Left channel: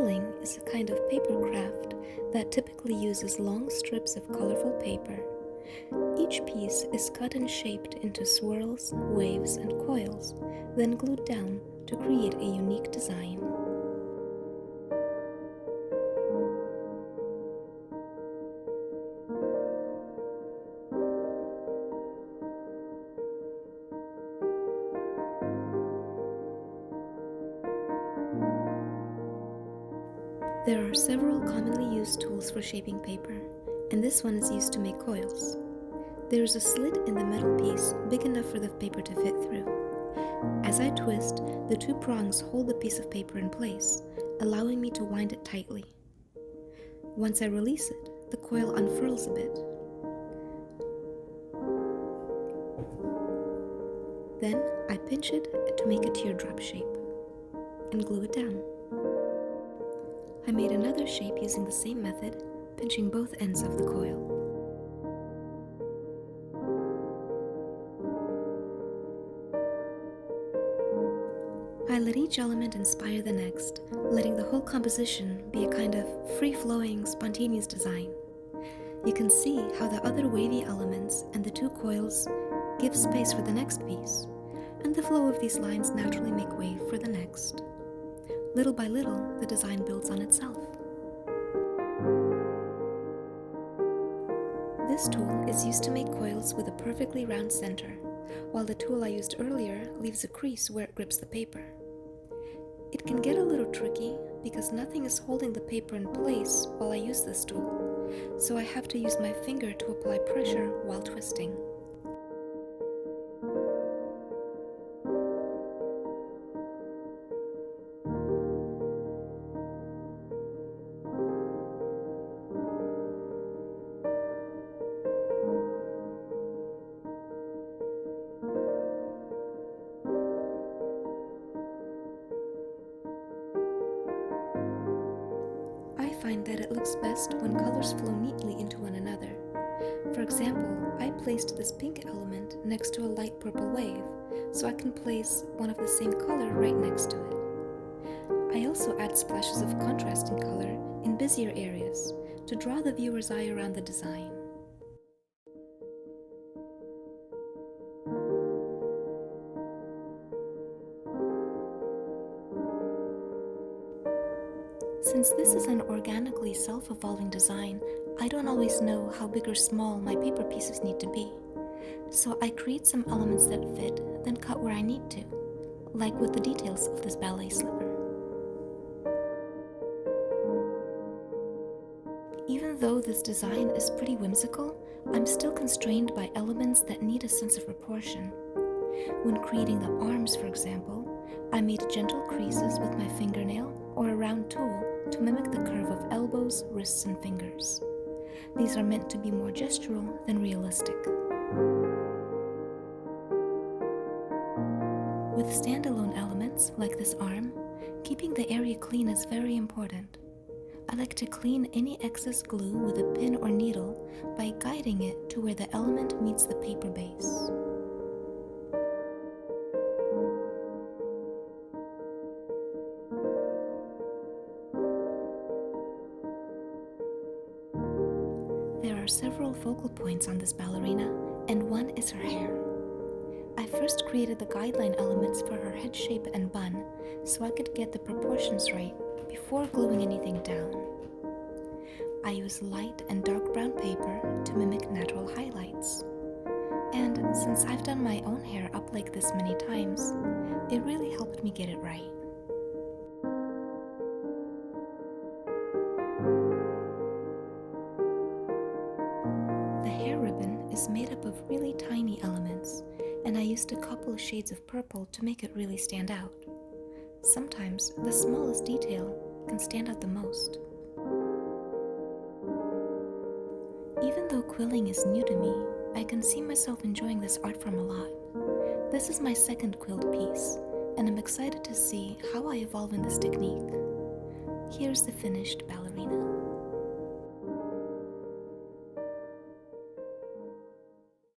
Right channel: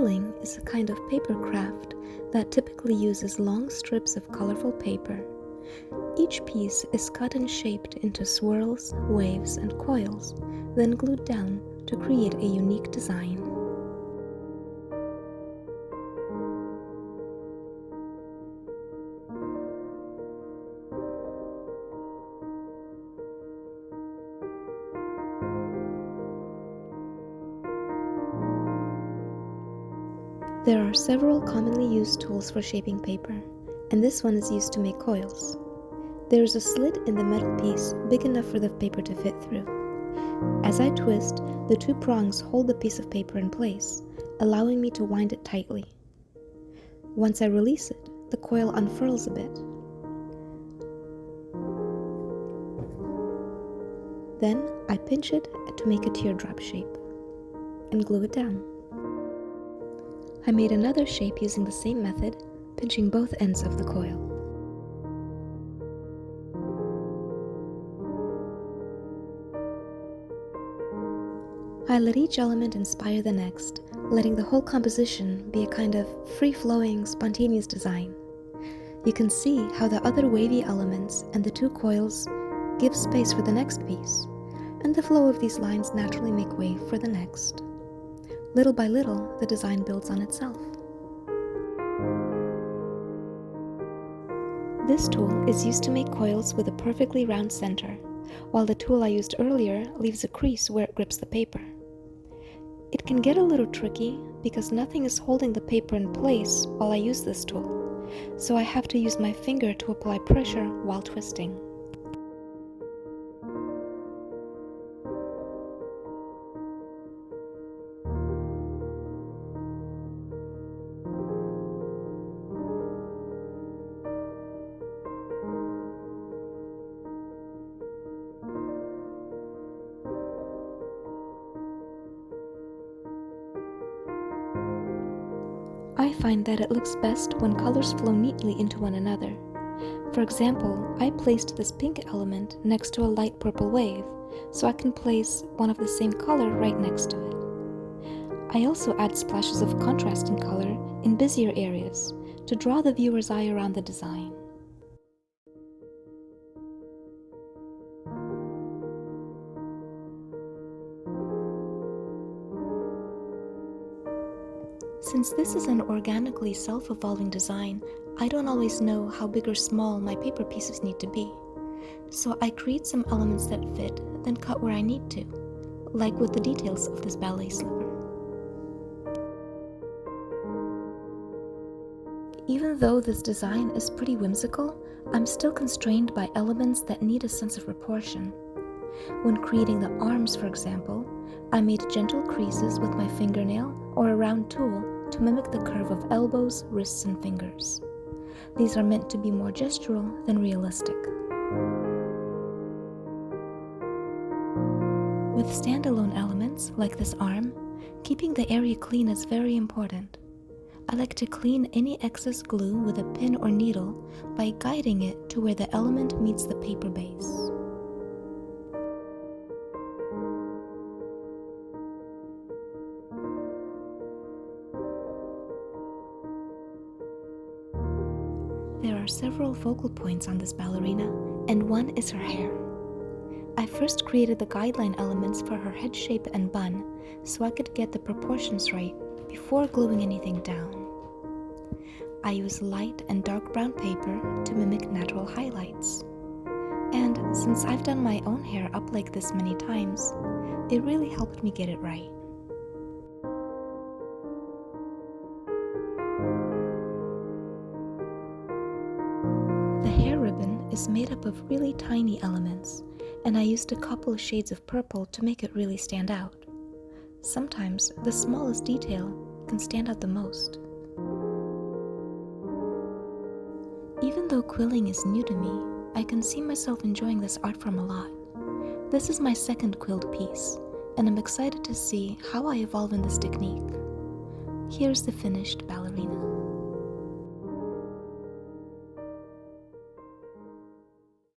Quilling is a kind of paper craft that typically uses long strips of colorful paper. Each piece is cut and shaped into swirls, waves, and coils, then glued down to create a unique design. There are several commonly used tools for shaping paper, and this one is used to make coils. There is a slit in the metal piece big enough for the paper to fit through. As I twist, the two prongs hold the piece of paper in place, allowing me to wind it tightly. Once I release it, the coil unfurls a bit. Then I pinch it to make a teardrop shape and glue it down. I made another shape using the same method, pinching both ends of the coil. I let each element inspire the next, letting the whole composition be a kind of free-flowing, spontaneous design. You can see how the other wavy elements and the two coils give space for the next piece, and the flow of these lines naturally make way for the next. Little by little, the design builds on itself. This tool is used to make coils with a perfectly round center, while the tool I used earlier leaves a crease where it grips the paper. It can get a little tricky because nothing is holding the paper in place while I use this tool, so I have to use my finger to apply pressure while twisting. I find that it looks best when colors flow neatly into one another. For example, I placed this pink element next to a light purple wave, so I can place one of the same color right next to it. I also add splashes of contrasting color in busier areas to draw the viewer's eye around the design. Since this is an organically self-evolving design, I don't always know how big or small my paper pieces need to be. So I create some elements that fit, then cut where I need to, like with the details of this ballet slipper. Even though this design is pretty whimsical, I'm still constrained by elements that need a sense of proportion. When creating the arms, for example, I made gentle creases with my fingernail or a round tool to mimic the curve of elbows, wrists, and fingers. These are meant to be more gestural than realistic. With standalone elements, like this arm, keeping the area clean is very important. I like to clean any excess glue with a pin or needle by guiding it to where the element meets the paper base. There are several focal points on this ballerina, and one is her hair. I first created the guideline elements for her head shape and bun so I could get the proportions right before gluing anything down. I use light and dark brown paper to mimic natural highlights. And since I've done my own hair up like this many times, it really helped me get it right. The hair ribbon is made up of really tiny elements, and I used a couple of shades of purple to make it really stand out. Sometimes the smallest detail can stand out the most. Even though quilling is new to me, I can see myself enjoying this art form a lot. This is my second quilled piece, and I'm excited to see how I evolve in this technique. Here's the finished ballerina.